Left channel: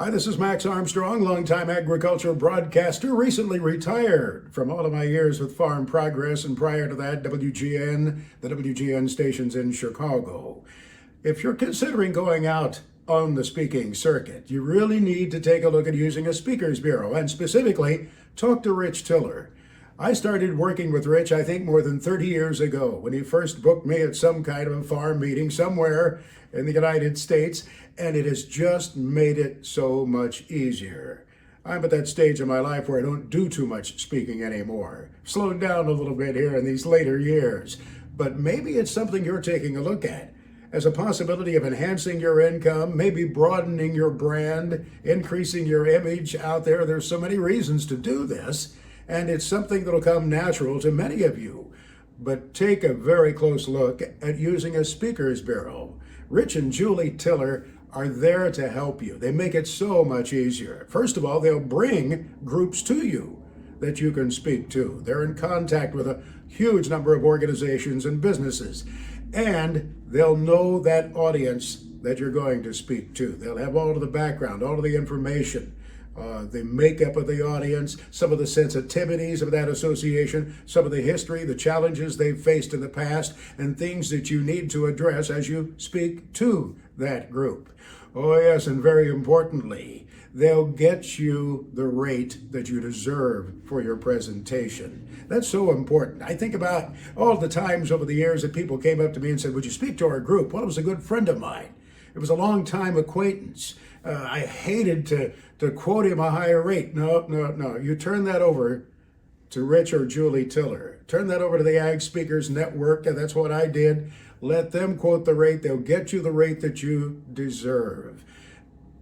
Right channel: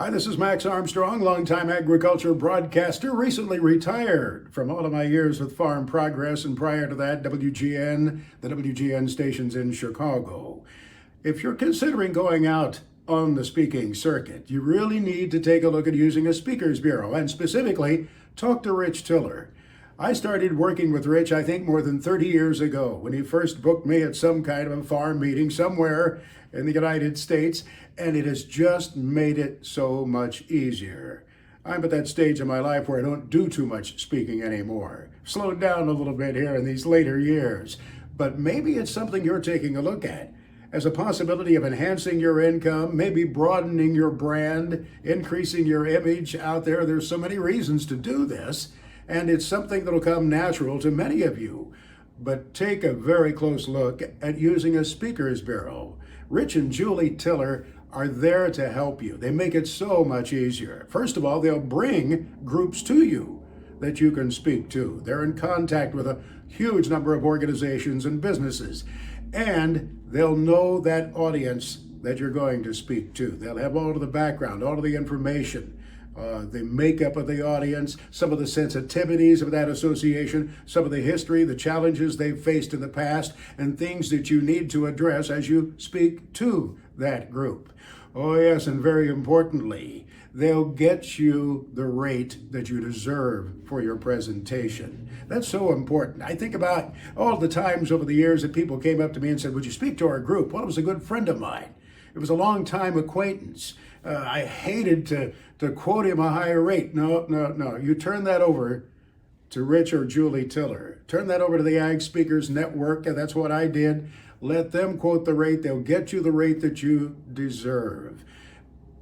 Hi, this is Max Armstrong, longtime agriculture broadcaster, recently retired from all of my years with Farm Progress and prior to that, WGN, the WGN stations in Chicago. If you're considering going out on the speaking circuit, you really need to take a look at using a speaker's bureau and specifically talk to Rich Tiller. I started working with Rich, I think, more than 30 years ago when he first booked me at some kind of a farm meeting somewhere in the United States, and it has just made it so much easier. I'm at that stage in my life where I don't do too much speaking anymore. Slowed down a little bit here in these later years, but maybe it's something you're taking a look at as a possibility of enhancing your income, maybe broadening your brand, increasing your image out there. There's so many reasons to do this, and it's something that'll come natural to many of you. But take a very close look at using a speaker's bureau. Rich and Julie Tiller are there to help you. They make it so much easier. First of all, they'll bring groups to you that you can speak to. They're in contact with a huge number of organizations and businesses, and they'll know that audience that you're going to speak to. They'll have all of the background, all of the information, the makeup of the audience, some of the sensitivities of that association, some of the history, the challenges they've faced in the past, and things that you need to address as you speak to that group. Oh yes, and very importantly, they'll get you the rate that you deserve for your presentation. That's so important. I think about all the times over the years that people came up to me and said, "Would you speak to our group?" Well, it was a good friend of mine. It was a long-time acquaintance. I hated to quote him a higher rate. No. You turn that over to Rich or Julie Tiller. Turn that over to the Ag Speakers Network, and that's what I did. Let them quote the rate. They'll get you the rate that you deserve.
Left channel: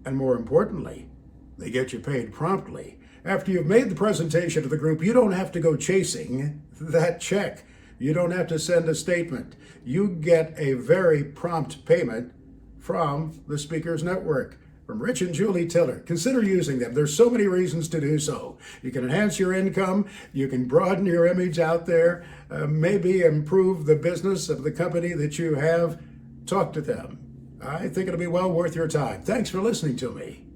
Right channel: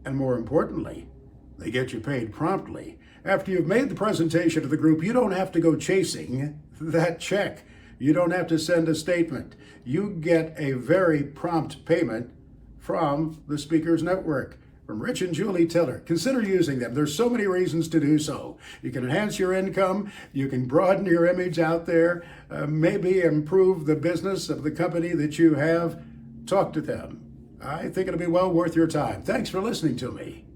And more importantly, they get you paid promptly. After you've made the presentation to the group, you don't have to go chasing that check. You don't have to send a statement. You get a very prompt payment from the Speakers Network, from Rich and Julie Tiller. Consider using them. There's so many reasons to do so. You can enhance your income, you can broaden your image out there, maybe improve the business of the company that you have. Talk to them. I think it'll be well worth your time. Thanks for listening to me.